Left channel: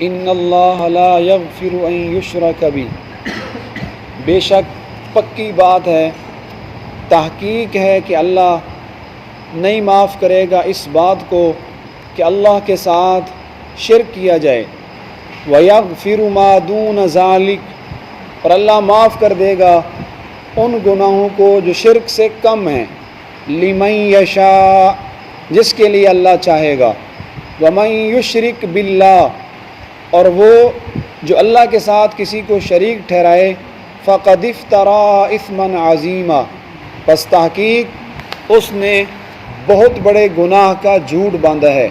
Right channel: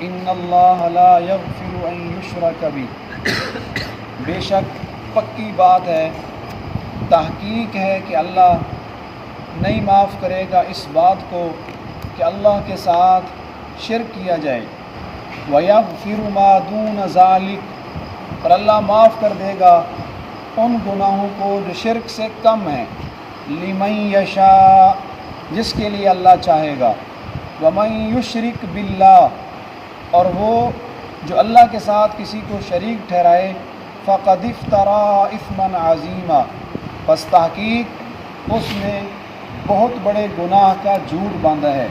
ان اللہ لا یغفر ان یشرک بہ، بے شک پکی بات ہے، تحقیق ہے کہ اللہ نہیں معاف کرے گا اس بات کو کہ اللہ کے ساتھ شرک کیا جائے، وَيَغْفِرُ مَا دُونَ ذَلِكَ، اور اللہ معاف کر دے گا ان گناہوں کو جو شرک سے کم ہیں، لِمَن یشاء، جس کے لیے اللہ چاہے گا، وَمَن یشرک بِاللَّہ، اور وہ جو اللہ کے ساتھ کسی کو شریک ٹھہرائے، فَقَدِ افْتَرَىٰ إِثْمًا عَظِيمًا، پس تحقیق اس نے بہت بڑے گناہ کا جھوٹ باندھا ہے۔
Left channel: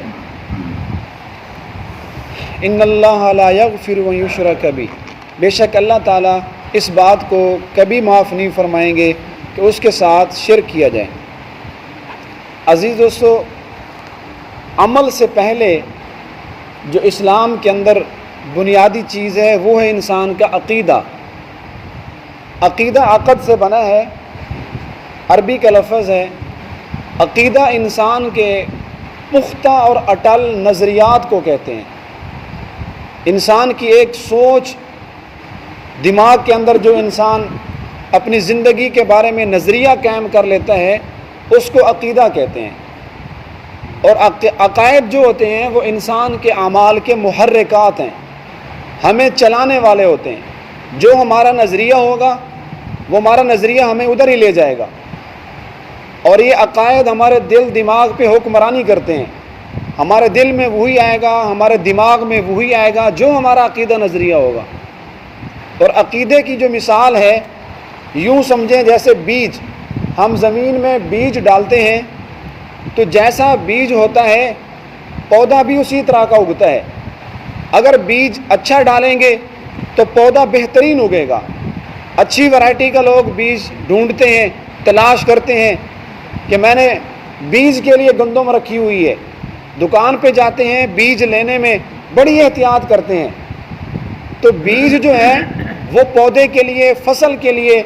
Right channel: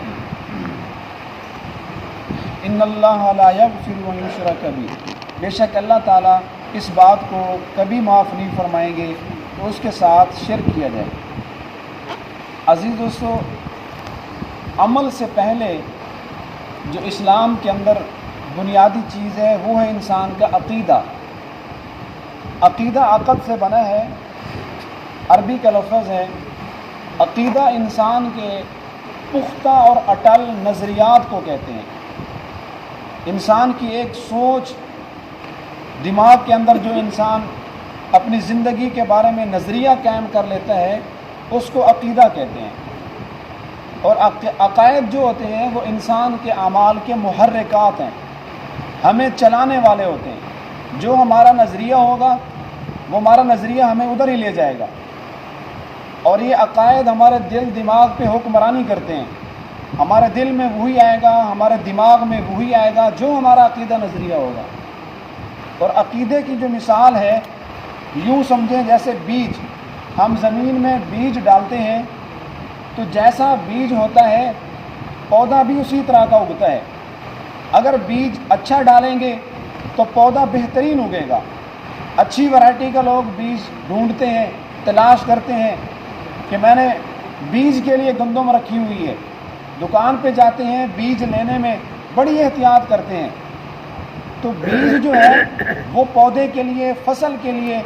ان اللہ لا یغفر ان یشرک بہ، بے شک اللہ تعالیٰ اس بات کو کبھی معاف نہیں فرمائیں گے کہ اس کے ساتھ شرک کیا جائے۔ عزیز دوستو، عمل سے پہلے جو اسلام کے اندر بنیادی چیز ہے وہ ہے انسان کا عقیدہ۔ عقیدہ عقد سے بنا ہے، عربی کا لفظ ہے۔ عقیدہ انسان کے پختہ اور اٹل نظریات کو کہتے ہیں۔ انسان کی ایک سوچ، دماغ کے اندر جو انسان اپنی زندگی کے بارے میں نظریہ قائم کر لیتا ہے اس کو عقیدہ کہتے ہیں۔ اور عقائد جو ہوتے ہیں وہ انسان کے اعمال کے محرکات ہیں، ہمیں چلانے والے ہوتے ہیں۔ جو ہمارا نظریہ ہوگا وہ ہمارا نظریہ ہمیں ادھر ہی لے جائے گا، اور یہ عقائد ہمارے دل دماغ پہ حکمرانی کرتے ہیں۔ ہمارے دل میں وہی آئے گا، ہمارے دماغ میں وہی آئے گا جو ہمارا عقیدہ نظریہ ہوگا۔ اور عقیدے کی جو مثال ہے، یوں سمجھیں جیسے بیج، ہم زمین میں بیج ڈالتے ہیں تو جیسا بیج ہوتا ہے پودا بھی اسی طرح کا اگتا ہے۔ اگر بیج اچھا ڈالیں گے تو پودا بہترین اگے گا۔ اچھی ورائٹی کا لوگ بیج ڈھونڈتے ہیں، تلاش کرتے ہیں کہ میں نے بیج کے لیے گندم رکھی ہوئی ہے، دکان پہ جاتے ہیں، بیج لینے میں بڑی احتیاط کرتے ہیں۔ تو بیج جو ہے وہ پودے کے لیے، فصل کے لیے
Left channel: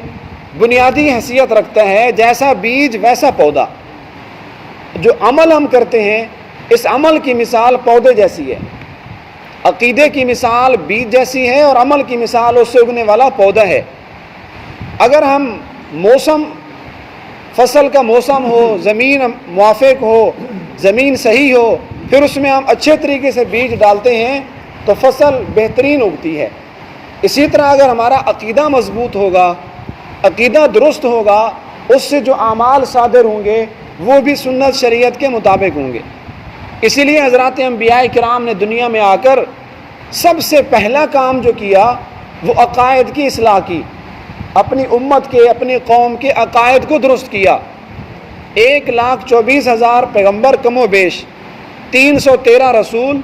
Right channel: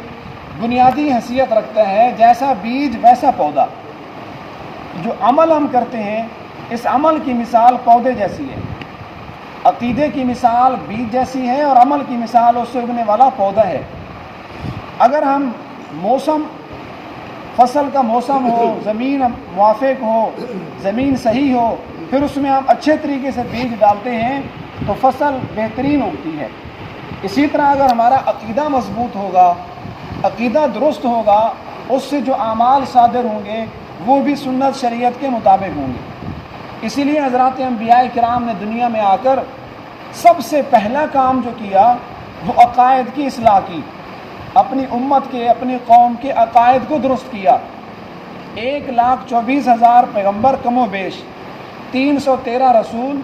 بنیادی حیثیت رکھتا ہے، جیسا بیج ویسا پودا۔ جو عمل ہم کرتے ہیں اس عمل کی مثال پودے جیسی ہے، عقیدے کی مثال بیج جیسی ہے، اور عمل کی مثال اس سے اگنے والا پودا ہے۔ اگر ہم موسم، فصل کا موسم ہو، زمین موافق ہو، زمین صحیح ہو، پھر اس میں ہم اچھے طریقے سے بیج ڈالتے ہیں تو فصل بہترین اگتی ہے۔ اسی طرح اگر ہمارا عقیدہ مضبوط ہوگا، عقیدہ درست ہوگا، اس سے جو اعمال صادر ہوں گے وہ بھی سنت شریعت کے مطابق ہوں گے۔ اسی لیے حضرات انبیاء کرام نے دنیا میں آ کر سب سے پہلا کام جو کیا وہ عقائد کی اصلاح کی، اپنی امت کے، اپنی قوم کے عقائد کو درست کیا۔ 1,24,000 پیغمبر کم و بیش، 313 رسول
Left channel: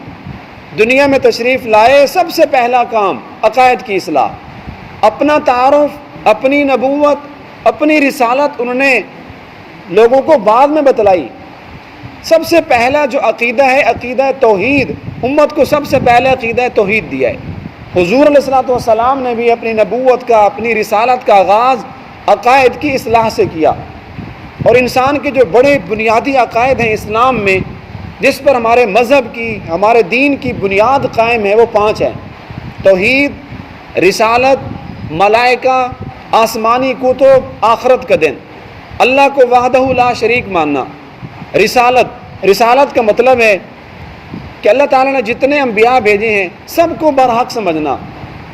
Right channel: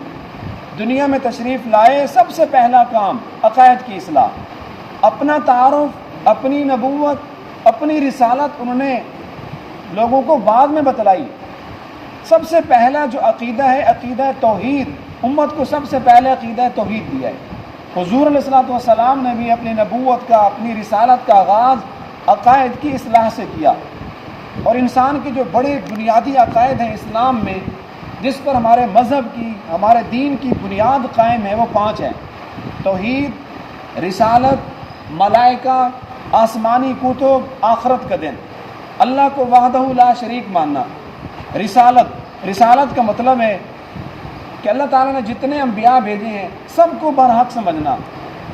دنیا میں تشریف لائے، سب سے پہلا کام عقائد کی اصلاح۔ اپنا تعارف، اپنی نبوت، اپنی رسالت انہوں نے لوگوں کو بعد میں بتلائی۔ سب سے پہلا جو عقیدہ ہے عقیدہ توحید، امت کو سب سے پہلے عقیدہ توحید دیا ہے۔ حضور علیہ الصلوۃ والسلام نے بھی اپنی نبوت کا، اپنی رسالت کا آغاز عقائد کی اصلاح سے کیا۔ اور انسان کے جو بڑے بنیادی عقائد ہیں اسلام میں، جس پر ہمارے مذہب کی، ہمارے دین کی بنیاد قائم ہے، وہ 5 ہیں: توحید، رسالت، ملائکہ، آسمانی کتب، آخرت کا دن، اللہ کو وحدہ لا شریک ماننا۔ رسالت کا مطلب ہے کہ اللہ تعالیٰ نے جتنے انبیاء بھیجے ہیں سب کو برحق سمجھنا،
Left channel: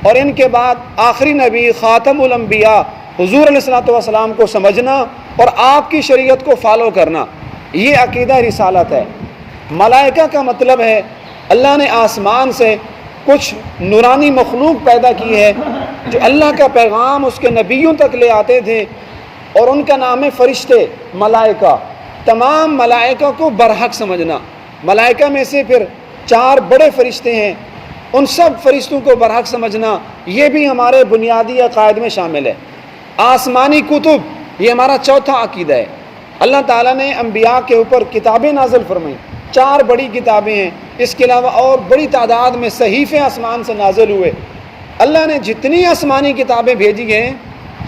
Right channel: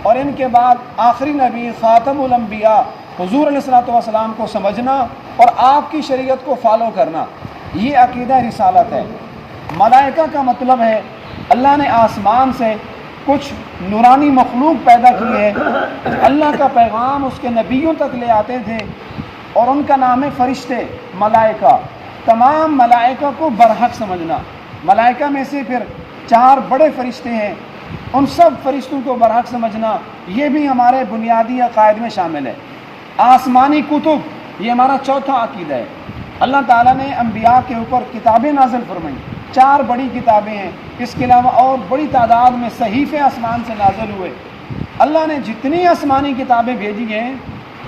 اور ان کے بعد آخری نبی خاتم الانبیاء حضور علیہ الصلوۃ والسلام کو سمجھنا اور آپ کی شریعت کو فالو کرنا، یہ عقیدہ رسالت ہے۔ ملائکہ کا مطلب ہے اللہ نے آسمان سے کچھ نورانی مخلوق پیدا کی ہے جو اللہ کا پیغام اس کے نبیوں تک لے آتے تھے، اور ان کا نام ہے فرشتے، ملائکہ۔ تمام ملائکہ کو برحق سمجھنا۔ ملائکہ میں سے پھر 4 بڑے فرشتے ہیں، ان سب فرشتوں کو برحق سمجھنا، یہ بھی ہمارے بنیادی عقائد میں شامل ہے۔ آسمانی کتب، یہ ہمارا چوتھا عقیدہ ہے۔ اللہ تعالیٰ نے انبیاء کے اوپر کتابیں نازل فرمائیں، 4 بڑی کتابیں ہیں، اس کے علاوہ اور بڑی تعداد میں صحیفے آسمان سے نازل ہوئے۔ اللہ نے جتنی آسمانی کتابیں بھیجی ہیں،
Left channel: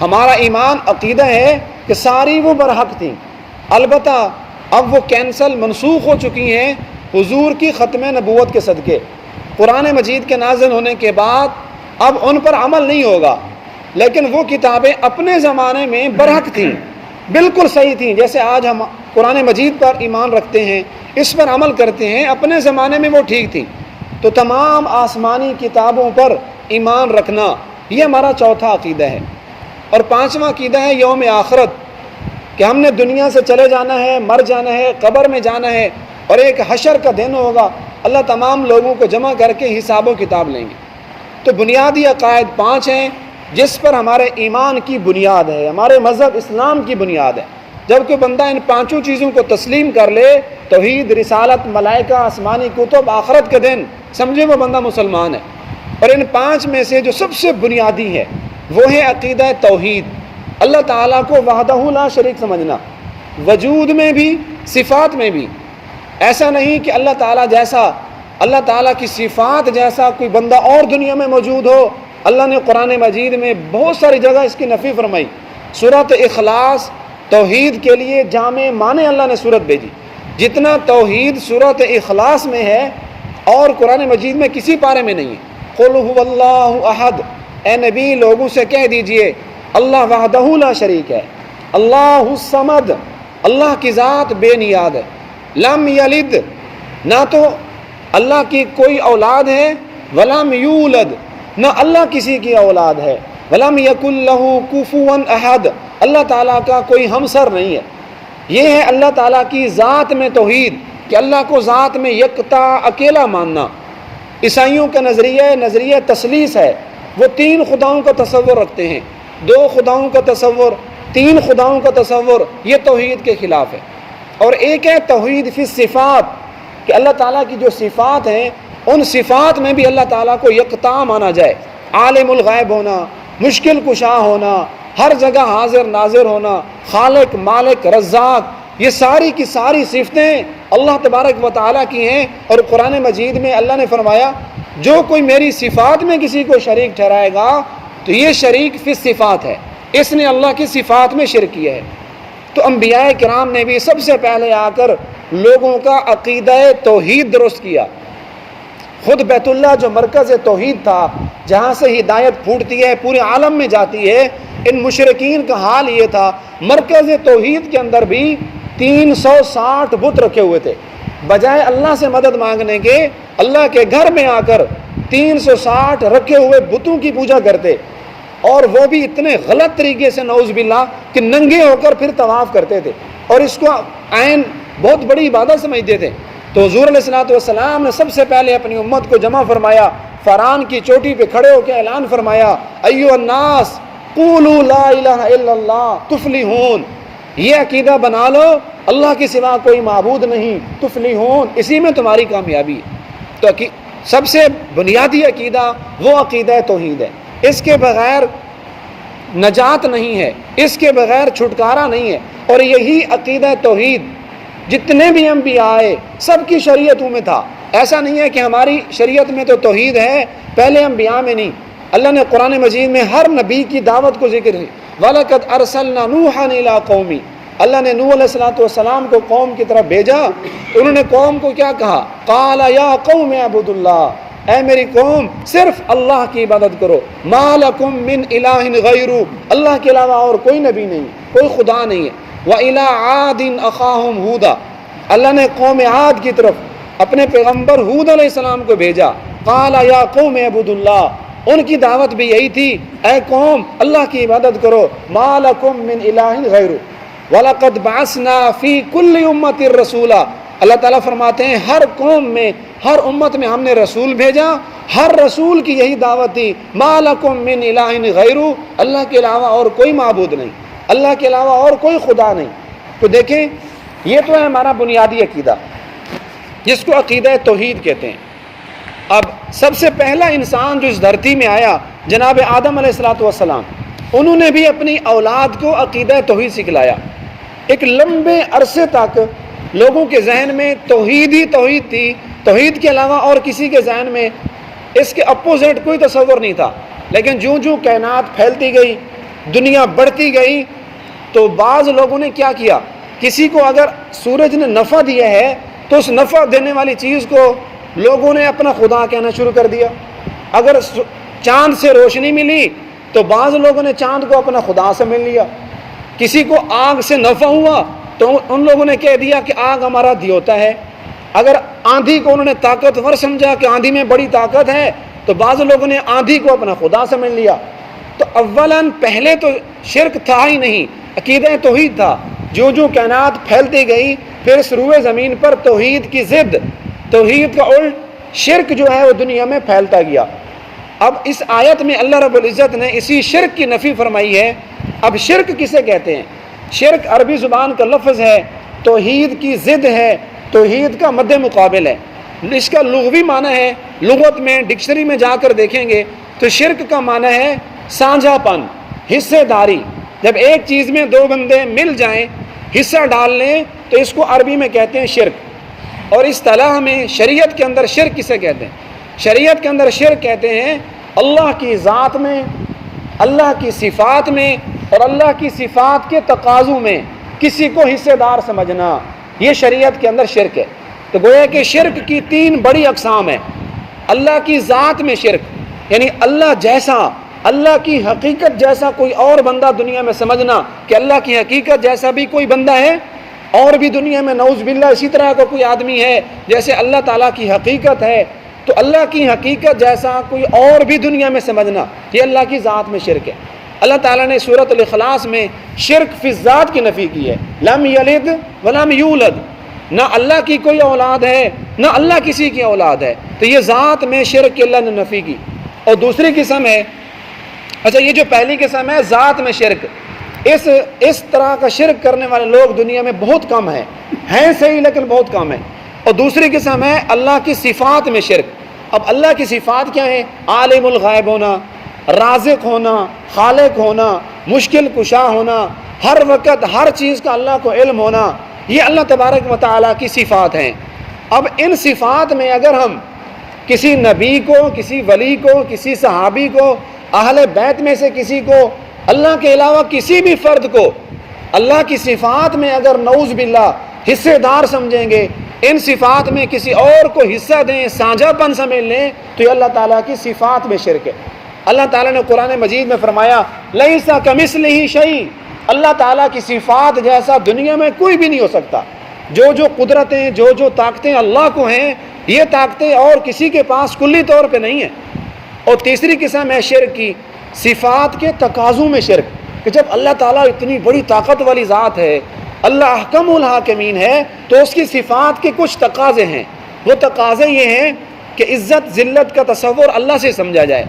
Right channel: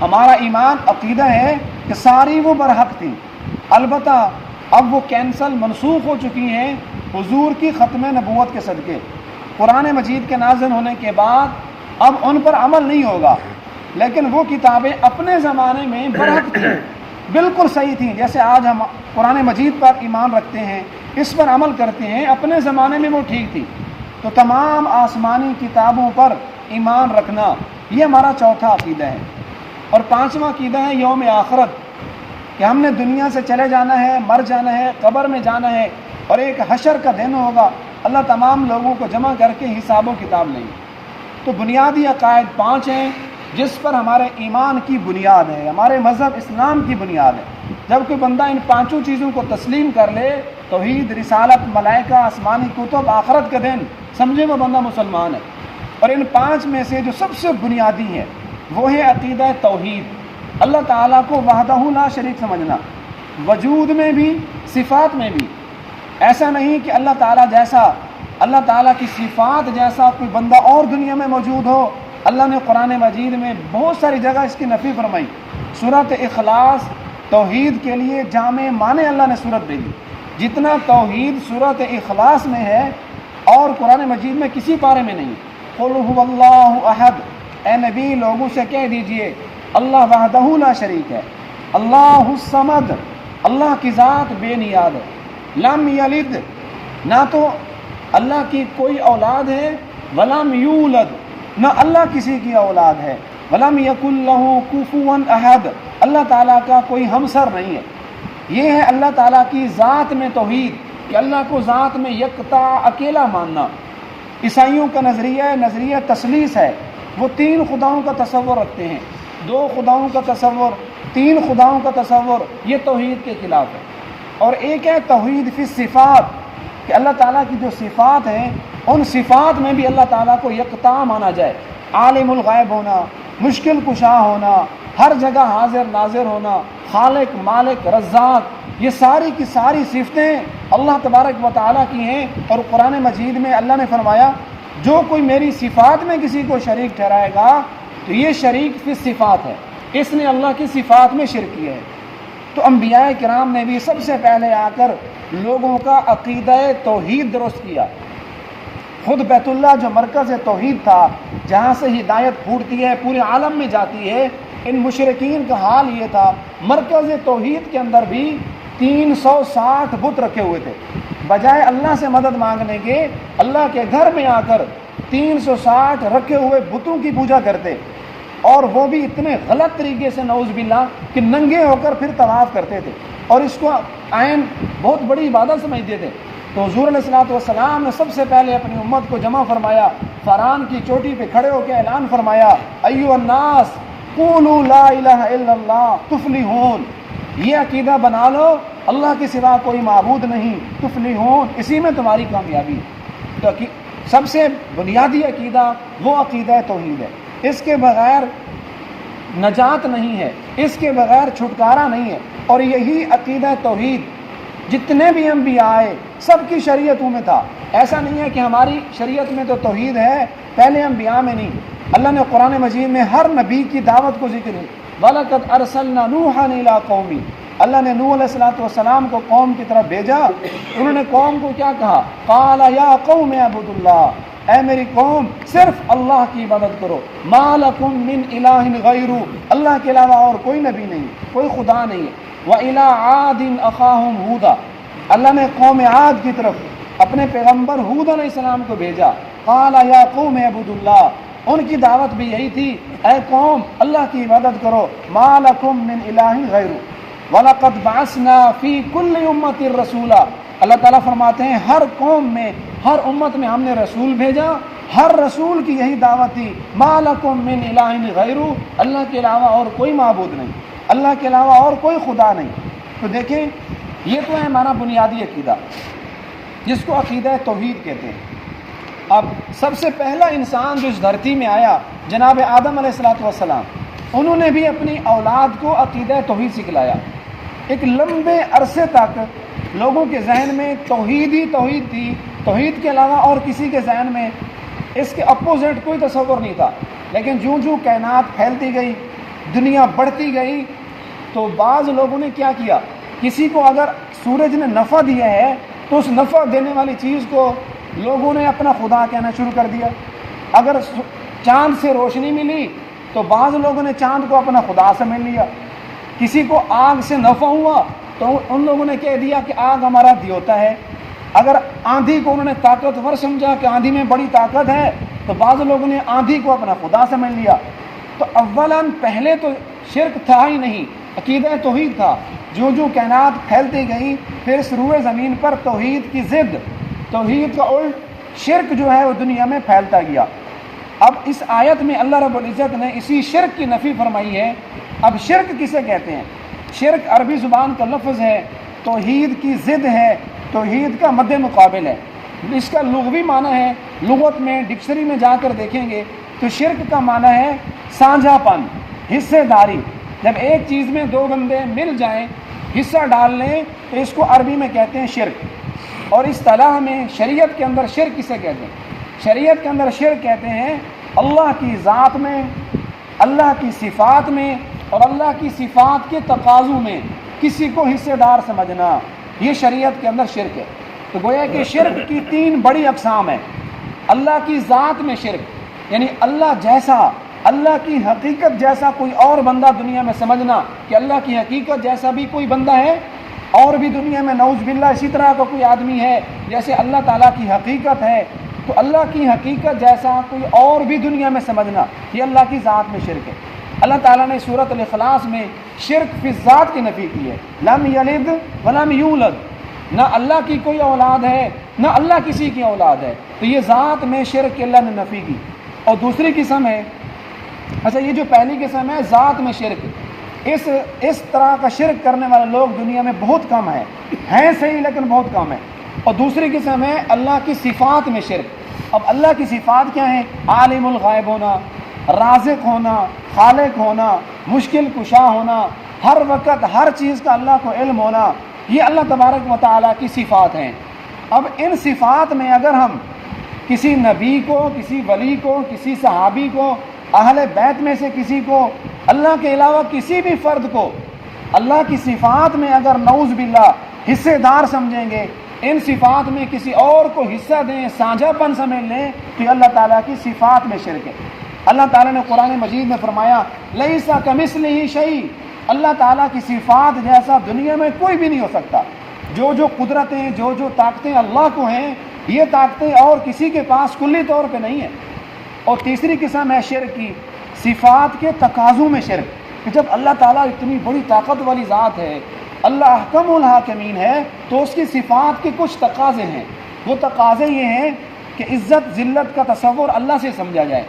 ہمارا ایمان عقیدہ ہے کہ ساری وہ برحق تھیں۔ البتہ اب وہ کینسل، منسوخ ہو چکی ہیں حضور کی ختم نبوت کے صدقے۔ قرآن مجید کے نازل ہونے کے بعد اب ان پر عمل نہیں ہوگا، لیکن وہ کتابیں اپنے زمانے میں برحق تھیں، بالکل صحیح تھیں، جیسے آج ہم قرآن مجید پر ایمان رکھتے ہیں، اس پر عمل کرتے ہیں، اپنے زمانے میں وہ ٹھیک تھیں۔ تو تمام آسمانی کتابوں پر ایمان رکھنا یہ ہمارا چوتھا عقیدہ ہے۔ اور پانچواں عقیدہ ہے یوم آخرت، کہ ہم نے دنیا سے چلے جانا ہے، مر جانا ہے، قبر میں جانا ہے، اور ایک حشر کا دن ہوگا، اللہ تمام لوگوں کو جمع کر کے حساب و کتاب لیں گے۔ تو بنیادی عقائد 5 ہیں جس پر ہمارے ایمان کی بنیاد ہے، ہمارے مذہب اسلام کی بنیاد ہے۔ جب کوئی بندہ ان 5 چیزوں کو تسلیم کر لے، توحید، رسالت، ملائکہ، آسمانی کتب، آخرت کا دن، سمجھے وہ بندہ مسلمان ہے۔ اور ان 5 میں سے جو سب سے بنیادی ہے وہ ہے عقیدہ توحید، اللہ تعالیٰ کو وحدہ لا شریک سمجھنا، وجود میں بھی، صفات میں بھی۔ ایسا نہیں کہ اللہ تعالیٰ جیسا، اللہ تعالیٰ کی صفات جیسا کوئی بندہ اور دنیا میں موجود ہو۔ اللہ نے قرآن مجید میں بہت ساری جگہ اس کی نفی فرمائی۔ سورۃ اخلاص توحید کے لیے جامع معنی اللہ نے سورت بھیجی، جتنا توحید سورۃ اخلاص میں ہے اور قرآن مجید میں کسی پارے میں نہیں ہے۔ قل هو اللہ احد، اے نبی لوگوں سے کہہ دیجئے اللہ وحدہ لا شریک ہے، اللہ الصمد، اللہ کی ذات بے نیاز ہے، لم یلد، نہ تو اللہ کی کوئی اولاد ہے، ولم یولد، نہ اللہ کسی کی اولاد ہے، ولم یکن لہ کفوا احد، اللہ تعالیٰ کا کوئی ہمسر نہیں ہے۔ یہ ہے اللہ تعالیٰ کی ذات میں توحید، کہ اللہ کو ذات میں یکتا اکیلا ماننا۔ عیسائیوں کا نظریہ تثلیث ہے، وہ 3 خداؤں کا تصور رکھتے ہیں، 2 خداؤں کا تصور، 3 خداؤں کا تصور، یہ توحید کے خلاف ہے۔ اور ایک ہے توحید فی الصفات، کہ اللہ تعالیٰ کی جو صفات ہیں ان صفات میں بھی اللہ تعالیٰ کو یکتا مانا جائے، عالم الغیب ہونا، مشکل کشا ہونا، ہر جگہ حاضر ناظر ہونا، خالق، مالک، رزاق، یہ ساری کی ساری صفتیں اللہ تبارک و تعالیٰ کی ہیں۔ اور قرآن مجید میں اللہ نے فرمایا جو کوئی میری صفات میں کسی کو شریک ٹھہرائے گا تو یہ شریک فی الصفات ہے، اس نے اللہ کی صفات میں شرک کیا ہے۔ تو انبیاء کرام نے بھی سب سے پہلے آ کر لوگوں کا عقیدہ توحید درست کیا۔ خود بیت اللہ جو مرکز توحید تھا، جہاں سے ہدایت پھوٹتی ہے، پورے عالم میں جاتی ہے، ان مشرکین کا حال یہ تھا، مرکز توحید کے اندر بھی 360 بت رکھے ہوئے تھے۔ بجائے اللہ سے مدد مانگنے کے، اللہ کے گھر میں آ کر 360 رکھے ہوئے بتوں کی پوجا کرتے، اور وہ بھی اتنے غلط طریقے سے، نعوذ باللہ، کہ ننگے ہو کر پھر طواف کرتے تھے، اور اس کو عین بہت بڑی عبادت سمجھتے تھے۔ تو حضور علیہ السلام نے سب سے پہلے اپنی امت کو جمع فرمایا، فران کی چوٹی پہ کھڑے ہو کے اعلان فرمایا، ایھا الناس قولوا لا الہ الا اللہ تفلحون، یہ عقیدہ بنا لو اللہ کے سوا کوئی معبود نہیں، تفلحون، اسی میں تمہاری کامیابی ہے۔ تو سب سے بنیادی عقیدہ وہ عقیدہ توحید ہے، اس کے بغیر نجات نہیں ہے، اس کے بغیر چھٹکارا نہیں ہے۔ اور یہی عقیدہ توحید جتنے بھی انبیاء آئے سب کی شریعتوں میں تھا۔ ایسا نہیں ہے کہ ہماری شریعت میں تو توحید ہے، پہلے انبیاء میں نہیں۔ اللہ نے قرآن مجید میں ہر نبی کی دعوت کو ذکر ہے، وَلَقَدْ أَرْسَلْنَا نُوحًا إِلَىٰ قَوْمِهِ، اللہ نے نوح علیہ السلام کو قوم کی طرف بھیجا، انہوں نے قوم کو کیا کہا، قَالَ يَا قَوْمِ اعْبُدُوا اللَّهَ، اے میری قوم صرف اللہ کی عبادت کرو، مَا لَكُم مِّنْ إِلَٰهٍ غَيْرُهُ، اللہ کے علاوہ اور کوئی نبی نہیں، کوئی خدا نہیں ہے۔ وَإِلَىٰ عَادٍ أَخَاهُمْ هُودًا، اللہ نے قوم عاد کی طرف اپنے پیغمبر ہود علیہ السلام کو بھیجا، قَالَ يَا قَوْمِ اعْبُدُوا اللَّهَ، ان کی دعوت بھی یہی تھی، اے قوم اللہ کی عبادت کرو، مَا لَكُم مِّنْ إِلَٰهٍ غَيْرُهُ وَلَقَدْ بَعَثْنَا فِي كُلِّ أُمَّةٍ رَسُولًا، اللہ تعالیٰ فرماتے ہیں ہر قوم میں، ہر امت میں ہم نے رسول بھیجا، ہر رسول کی یہی دعوت تھی، مَا لَكُم مِّنْ إِلَٰهٍ غَيْرُهُ، اللہ کے علاوہ اور کوئی معبود نہیں، اللہ کے علاوہ اور کوئی خدا نہیں۔ تو دیکھیں یہ تو ہے ہمارا بنیادی عقیدہ جس کو عقیدہ توحید کہتے ہیں۔ اب سب سے پہلا انسان جو اس دھرتی میں آیا جناب آدم علیہ السلام، انہوں نے بھی اپنی اولاد کو عقیدہ توحید سکھلایا۔ ایک لمبے عرصے تک لوگوں کے ذہن میں توحید ہی توحید تھی، توحید کے علاوہ اور کسی کے ذہن میں اس کے اپوزٹ کوئی تصور نہیں تھا۔ لیکن جوں جوں کائنات پھیلتی گئی، دنیا بڑھتی گئی، تو بعض لوگوں نے کیا کیا، کسی کو اگر سورج نے نفع دیا ہے تو اس نفع دینے والی چیز کو لوگوں نے اپنا خدا کہنا شروع کر دیا۔ اگر چاند سے روشنی ملی تو بعض لوگوں نے چاند کو اپنا خدا سمجھ لیا۔ کسی کو آگ سے نفع ہوا تو ان لوگوں نے کہہ دیا کہ آگ ہمارا دیوتا ہے۔ اگر آندھی کو انہوں نے طاقتور سمجھا کہ آندھی میں بڑی طاقت ہے تو بعض لوگوں نے آندھی کو اپنا خدا سمجھ لیا۔ تو اولاً پہلے تو شرک تھا ہی نہیں، عقیدہ توحید تھا۔ جو جو کائنات پھیلتی گئی پھر سروے زمین پر توحید کی ضد، توحید کا الٹ شرک جو ہے وہ دنیا میں پھیلتا گیا۔ اب اس آیت میں اللہ رب العزت نے اسی شرک کی نفی فرمائی ہے۔ اب شرک کسے کہتے ہیں؟ شرک عربی زبان کا لفظ ہے، توحید کی ضد ہے، توحید کا مد مقابل ہے۔ اس کا لغوی معنی ہے، لغت میں ڈکشنری میں جا کر دیکھیں گے تو شرک کا معنی ہے سانجھا پن، حصے داری۔ جب ایک چیز میں دو بندے مل جائیں، حصہ ڈال لیں تو اس کو عربی میں کہتے ہیں شرک۔ اور اصطلاح میں شریعت کے اندر شرک کسے کہتے ہیں؟ شریعت کے اندر شرک کہتے ہیں اللہ کی ذات میں، اللہ کی صفات میں اور اللہ کی صفات کے تقاضوں میں کسی کو حصے دار سمجھنا، یہ شریعت کے اندر شرک ہے۔ تو گویا کہ شرک کی تین بڑی اقسام ہیں۔ اللہ کی ذات میں شرک، یعنی اللہ جیسا، اللہ کی حقیقت جیسا کوئی اور بندہ دنیا میں سمجھنا کہ اللہ کی حقیقت جیسا بھی کوئی بندہ ہے اور بھی دنیا میں نعوذ باللہ اسی طرح کا کوئی آدمی ہے جیسے اللہ تعالیٰ کی حقیقت ہے، تو اللہ کی حقیقت جیسا کوئی اور بھی دنیا میں سمجھنا، یہ اللہ کی ذات میں شرک ہے۔ اللہ تعالیٰ نے سورۃ الاخلاص میں شرک فی الذات کی نفی کی ہے، لم یلد ولم یولد، نہ اللہ کی کوئی اولاد ہے نہ اللہ کسی کی اولاد ہے، تو یہ ذات میں شرک کی اللہ نے نفی کی۔ اور دوسری قسم ہے، اچھا یہ جو پہلی قسم ہے ذات میں شرک، اس طرح کا شرک کرنے والے لوگ دنیا میں بہت کم ہیں صحیح لیکن بہت کم ہیں۔ اور دوسری قسم ہے اللہ کی صفات میں شرک۔ اب اللہ کی صفات کیا ہیں؟ عالم الغیب ہونا، رازق ہونا، خالق ہونا، مشکل کشا ہونا، ہر وقت ہر چیز کا اللہ کو علم ہونا، یہ اللہ تبارک و تعالیٰ کی صفات ہیں۔ اب ان صفات میں اگر ہم کسی نبی کو، کسی ولی کو، کسی صحابی کو، اہل بیت میں سے کسی کو، اللہ کے علاوہ کسی بھی فرد کو اللہ کی صفات میں اگر نعوذ باللہ حصے دار سمجھیں گے، ان صفات میں کسی اور کو حصہ دیں، سانجھا پن سمجھ لیں، تو یہ اللہ تعالیٰ کی صفات میں شرک ہے۔ اللہ تعالیٰ نے قرآن مجید میں فرمایا لیس کمثلہ شیء، اللہ تعالیٰ کی صفات جیسا دنیا میں کوئی بھی نہیں ہو سکتا۔ جو جو قدرتیں، جو جو طاقتیں اللہ کو ہیں، یہ طاقتیں اور کسی کے پاس کلی طور پہ نہیں ہیں۔ اور تیسری قسم ہے شرک کی، صفات کے تقاضوں میں شرک، کہ جب اللہ تعالیٰ اتنی بڑی طاقت والی ذات ہے، اللہ احکم الحاکمین ہے، تو اس کی صفات کے کچھ تقاضے ہیں۔ وہ تقاضے یہ ہیں کہ عزت ذلت کا تصور اللہ سے سمجھا جائے،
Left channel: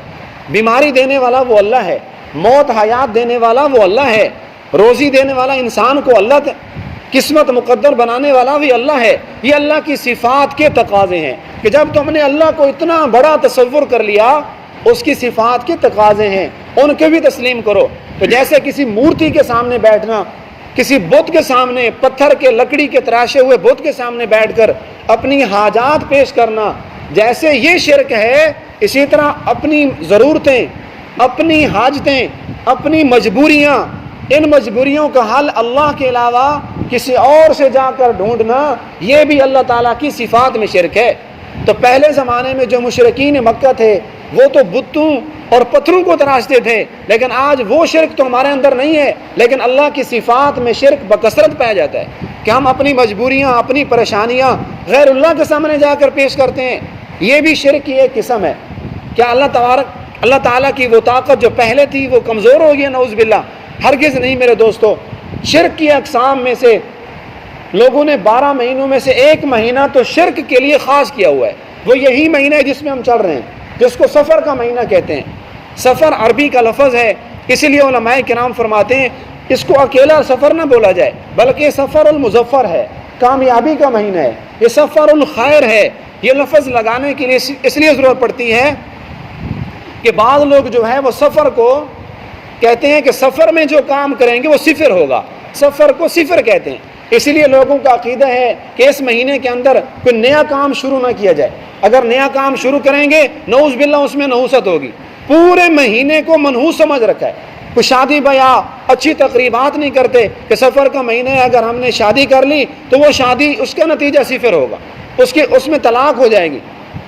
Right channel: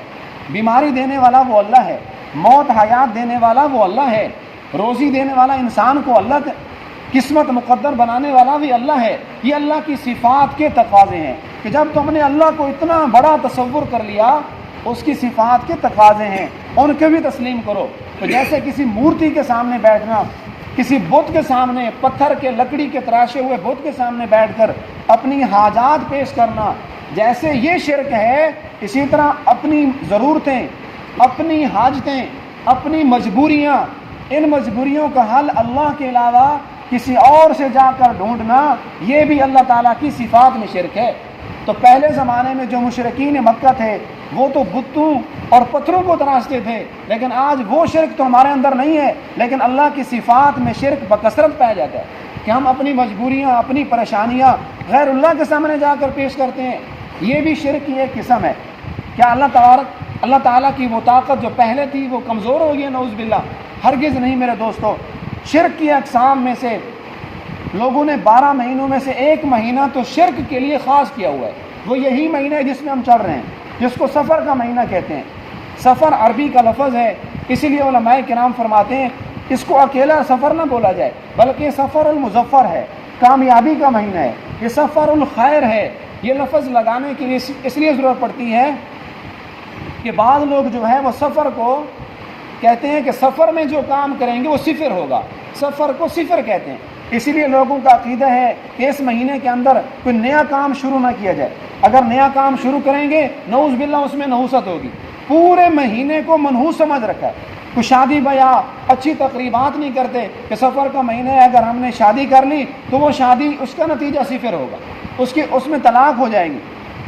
بیماری دینے والا وہ اللہ ہے، موت حیات دینے والا وہ اللہ ہے، روزی دینے والا انسان کو اللہ، قسمت مقدر بنانے والا بھی اللہ ہے۔ یہ اللہ کی صفات کے تقاضے ہیں کہ جب تم نے اللہ کو اتنا بڑا تصور کر لیا، اس کی صفات کے تقاضے ہیں، ان کے بھی تسلیم کرو۔ تو جیسے کسی مورتی کے سامنے بیٹھنا، کسی بت کے سامنے، پتھر کے لکڑی کے تراشے ہوئے بت کے سامنے بیٹھ کر اپنی حاجات پیش کرنا، جیسے یہ شرک ہے، اسی طرح اپنی ضرورتیں، اپنی حاجتیں، اپنی مجبوریاں، ان مجبوریوں کا حل اللہ کے علاوہ کسی اور سے جا کر ڈھونڈنا، یہ بھی اللہ تعالیٰ کی صفات میں شرک ہے۔ تو پہلے زمانے میں جو مشرکین مکہ تھے وہ تو بتوں اور پتھروں کو تراشتے تھے، لیکن آج وہ شرک تو ہمارے اندر نہیں ہے، لیکن اللہ کی صفات میں شرک بکثرت پایا جاتا ہے کہ ہم اپنی مجبوریاں، اپنی پریشانیاں غیر اللہ کے سامنے جا کر پیش کرتے ہیں۔ یہ بھی شرک کی ایک قسم ہے۔ کیا اللہ تعالیٰ کی وہ طاقت جو پہلے تھی وہ کمزور ہو گئی؟ نعوذ باللہ، ہرگز نہیں میرے دوستو۔ شرک کی اقسام میں سے لوگوں نے 12 مہینوں میں سے ایک مہینہ تو شرک کے لیے خاص کیا ہوا ہے، وہ یہی مہینہ ہے جس میں ہم چل رہے ہیں، جس کو سفر کا مہینہ کہتے ہیں۔ سفر عربی کا لفظ ہے، اسی لیے علماء کرام فرماتے ہیں اس کو اکیلا سفر نہ بولا جائے، بلکہ سفر المظفر ہے، کامیابی کا مہینہ ہے، یہ سفر الخیر ہے۔ یہ لفظ لگانے کے لیے اس لیے ضرورت پڑتی ہے کہ بعض لوگ جو ہیں وہ سفر کو کہتے ہیں کہ سفر میں جو کام کریں گے وہ صفر ہوگا، سفر کو صفر کہتے ہیں۔ اسی لیے لوگوں کا عقیدہ ہے کہ اس مہینے کے اندر کوئی نیا کام شروع نہ کیا جائے، اگر نیا کام شروع کریں گے نعوذ باللہ اس میں نحوست ہوگی۔ پورے مہینے کو منحوس سمجھ رکھا ہے، کوئی شادی بیاہ اچھی تقریبات نہیں کرتے کہ سفر کا مہینہ ہے، اگر ہم نے شادی کر لی تو وہ شادی اس کا نتیجہ صفر ہوگا، اس میں طلاق ہو جائے گی۔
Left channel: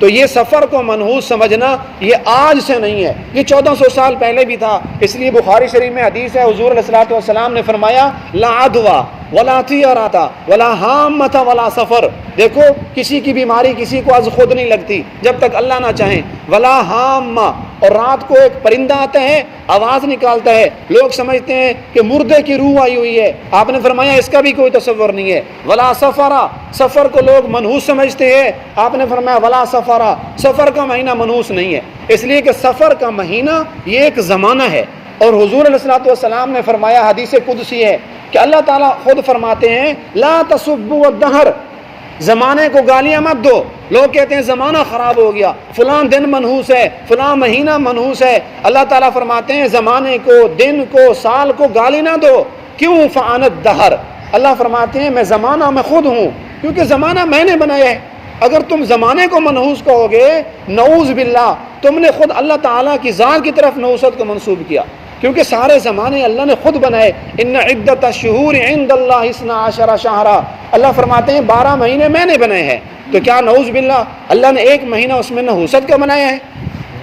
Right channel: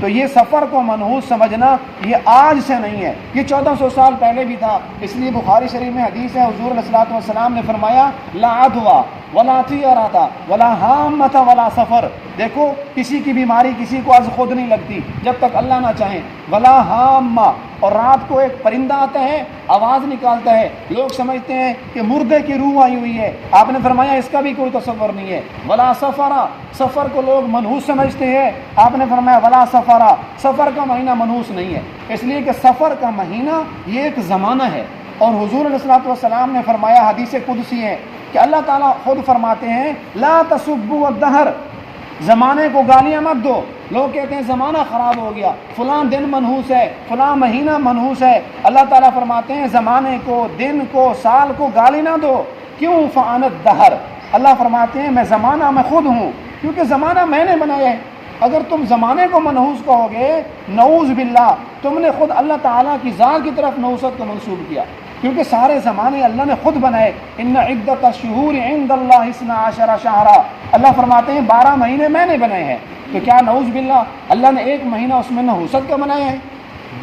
تو یہ سفر کو منحوس سمجھنا یہ آج سے نہیں ہے، یہ 1400 سال پہلے بھی تھا۔ اس لیے بخاری شریف میں حدیث ہے، حضور علیہ الصلوۃ والسلام نے فرمایا لا عدویٰ ولا طیرۃ ولا حامۃ ولا سفر، دیکھو کسی کی بیماری کسی کو از خود نہیں لگتی جب تک اللہ نہ چاہیں، ولا حامہ، اور رات کو ایک پرندہ آتا ہے آواز نکالتا ہے، لوگ سمجھتے ہیں کہ مردے کی روح آئی ہوئی ہے، آپ نے فرمایا اس کا بھی کوئی تصور نہیں ہے، ولا سفرا، سفر کو لوگ منحوس سمجھتے ہیں، آپ نے فرمایا ولا سفرا، سفر کا مہینہ منحوس نہیں ہے، اس لیے کہ سفر کا مہینہ یہ ایک زمانہ ہے۔ اور حضور علیہ الصلوۃ والسلام نے فرمایا، حدیث قدسی ہے کہ اللہ تعالیٰ خود فرماتے ہیں لا تسبوا الدہر، زمانے کو گالیاں مت دو۔ لوگ کہتے ہیں زمانہ خراب ہو گیا، فلاں دن منحوس ہے، فلاں مہینہ منحوس ہے، اللہ تعالیٰ فرماتے ہیں زمانے کو، دن کو، سال کو گالی نہ دو، کیوں؟ فانا الدہر، اللہ فرماتے ہیں میں زمانہ میں خود ہوں، کیونکہ زمانہ میں نے بنایا ہے۔ اگر تم زمانے کو منحوس کہو گے، نعوذ باللہ، تم نے خود اللہ تعالیٰ کی ذات کی طرف نحوست کو منسوب کیا، کیونکہ سارے زمانے اللہ نے خود بنائے۔ ان عدت الشہور عند اللہ 12 شہرا، اللہ فرماتے ہیں 12 مہینے میں نے بنائے ہیں، تو کیا نعوذ باللہ اللہ نے ایک مہینہ اس میں نحوست کا بنایا ہے؟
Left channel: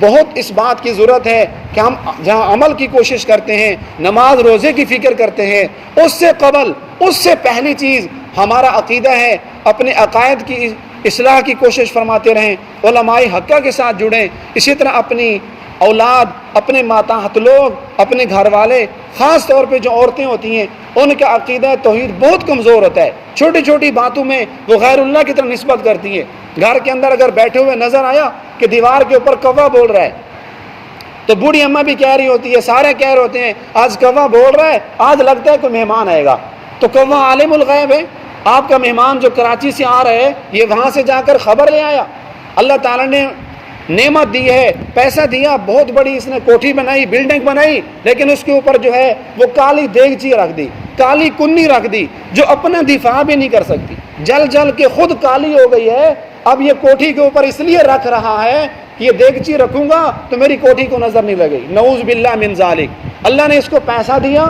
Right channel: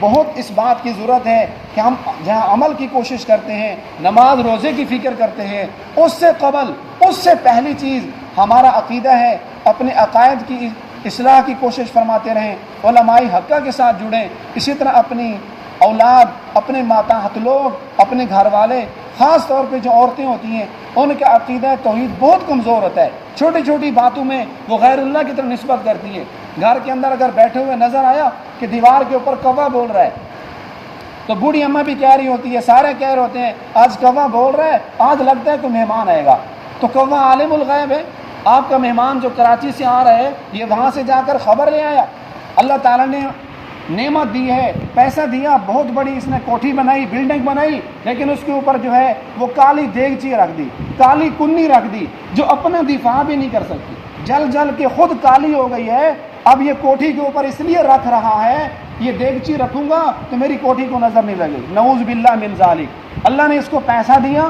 بہت اس بات کی ضرورت ہے کہ ہم جہاں عمل کی کوشش کرتے ہیں، نماز روزے کی فکر کرتے ہیں، اس سے قبل، اس سے پہلی چیز ہمارا عقیدہ ہے، اپنے عقائد کی اصلاح کی کوشش فرماتے رہیں، علماء حقہ کے ساتھ جڑیں، اسی طرح اپنی اولاد، اپنے ماتحت لوگ، اپنے گھر والے، خاص طور پہ جو عورتیں ہوتی ہیں ان کا عقیدہ توحید بہت کمزور ہوتا ہے، چھوٹی چھوٹی باتوں میں وہ غیر اللہ کی طرف نسبت کرتی ہیں۔ گھر کے اندر اگر بیٹھے ہوئے نظر آیا کہ دیوار کے اوپر کوا بول رہا ہے تو بوڑھی اماں بھی کہہ رہی ہوتی ہے، سارے کہہ رہے ہوتے ہیں آج کوا بول رہا ہے، آج لگتا ہے کوئی مہمان آئے گا، تو کوا عالم الغیب ہے، آپ کا مہمان جو کراچی سے آ رہا ہے یہ وہاں سے جا کر خبر لے آیا، اللہ تعالیٰ نے نعمت دی ہے، پیسہ دیا، بہت بڑی اس نے کوٹھی بنائی، بلڈنگ بنائی، لیکن اس کے اوپر جو ہے وہ کالی دیگچی رکھ دی، کالی کنی رکھ دی، جو اپنا دفاع بھی نہیں کر سکتی، جل جل کے خود کالی ہو گئی ہے۔ اب یہ کوٹھی کے اوپر اس لیے رکھ رہا ہے کہ یہ دیگچی رکھوں گا تو میری کوٹھی کو نظر نہیں لگے گی، نعوذ باللہ من ذالک۔ اللہ نے اس کو پیسہ دیا،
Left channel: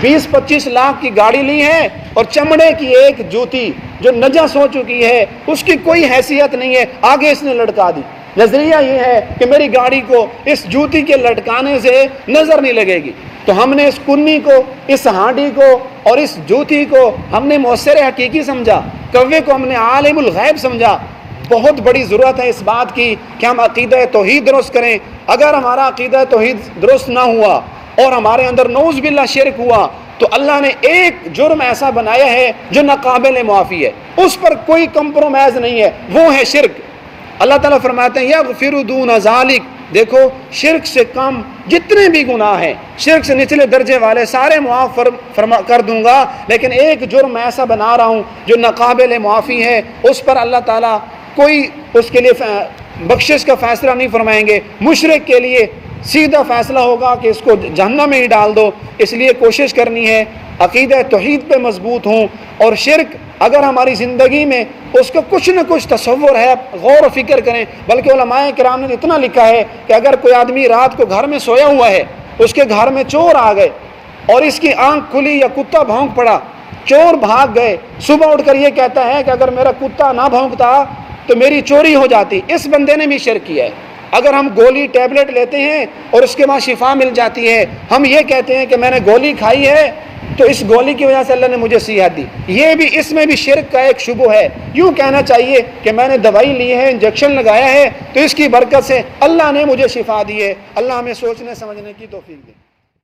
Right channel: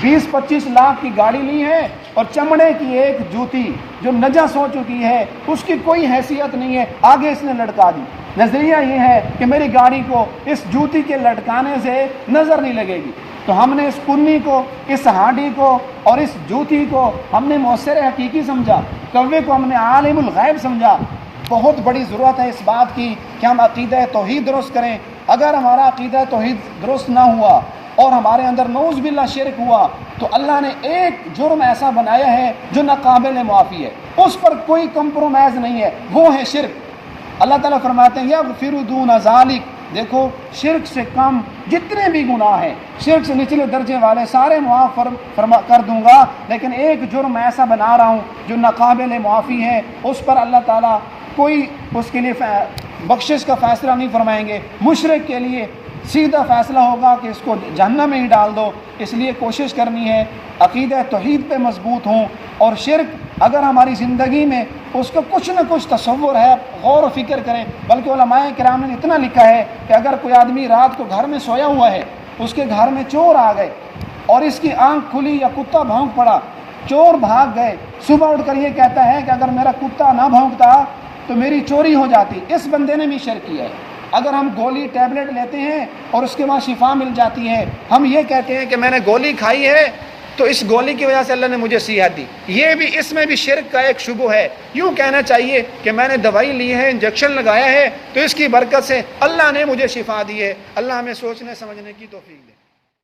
20-25 لاکھ کی گاڑی لی ہے، اور چمڑے کی ایک جوتی جو نجس ہو چکی ہے اس کی کوئی حیثیت نہیں ہے، آگے اس نے لٹکا دی۔ نظریہ یہ ہے کہ میری گاڑی کو اس جوتی کے لٹکانے سے نظر نہیں لگے گی، تو ہم نے اس کنی کو، اس ہانڈی کو اور اس جوتی کو ہم نے مؤثر حقیقی سمجھا، کوے کو ہم نے عالم الغیب سمجھا۔ بہت بڑی ضرورت ہے اس بات کی کہ ہم عقیدہ توحید درست کریں۔ اگر ہمارا عقیدہ توحید درست نہ ہوا اور ہمارے اندر نعوذ باللہ شرک ہوا تو اللہ نے ایک جرم ایسا بنایا ہے جو ناقابل معافی ہے، اس پر کوئی کمپرومائز نہیں ہے، وہ ہے شرک۔ اللہ تعالیٰ فرماتے ہیں یغفر دون ذالک، دیکھو شرک سے کم جتنے بھی گناہ ہیں، شرک سے نچلے درجے والے سارے معاف کر دوں گا، لیکن ایک جرم ایسا بنا رہا ہوں جو ناقابل معافی ہے، اس پر اللہ تعالیٰ کوئی اس کے لیے بخشش کا فیصلہ نہیں فرمائیں گے۔ مشرک کے لیے سیدھا فیصلہ ہوگا کہ اس کو جہنم میں ہی ڈال دو۔ اس لیے کوشش کرنی ہے عقیدہ توحید پہ مضبوط ہوں، اور شرک اگر ہماری زندگی میں اس کا کچھ نہ کچھ تصور ہے، غور و فکر کریں۔ بلکہ علماء کرام نے اتنا لکھا ہے کہ اگر کوئی آدمی رات کو گھر میں سویا ہوا ہے، اس کے گھر میں چور آ گئے اور اس کی آنکھ کھلی یا کتا بھونک پڑا، چور بھاگ گئے، صبح اٹھ کر یہ کہتا ہے کہ اگر میرا کتا نہ بھونکتا تو میری چوری ہو جاتی، اس بندے نے بھی شرک کیا ہے۔ اگر ہم گولی ٹیبلٹ لیتے ہیں اور اس کے بعد شفا مل جاتی ہے، ہم یہ کہتے ہیں کہ میں نے گولی کھائی ہے تو اس گولی کی وجہ سے اللہ نے مجھے صحت دی، یہ بھی اس میں بھی شرک کا ایک شبہ ہے۔ یوں کہنا چاہیے کہ میں نے دوائی لی ہے، انجیکشن لگایا ہے تو اس کی برکت سے اللہ نے مجھے شفا دی ہے۔ اللہ ہمیں سوچنے سمجھنے کی توفیق دے۔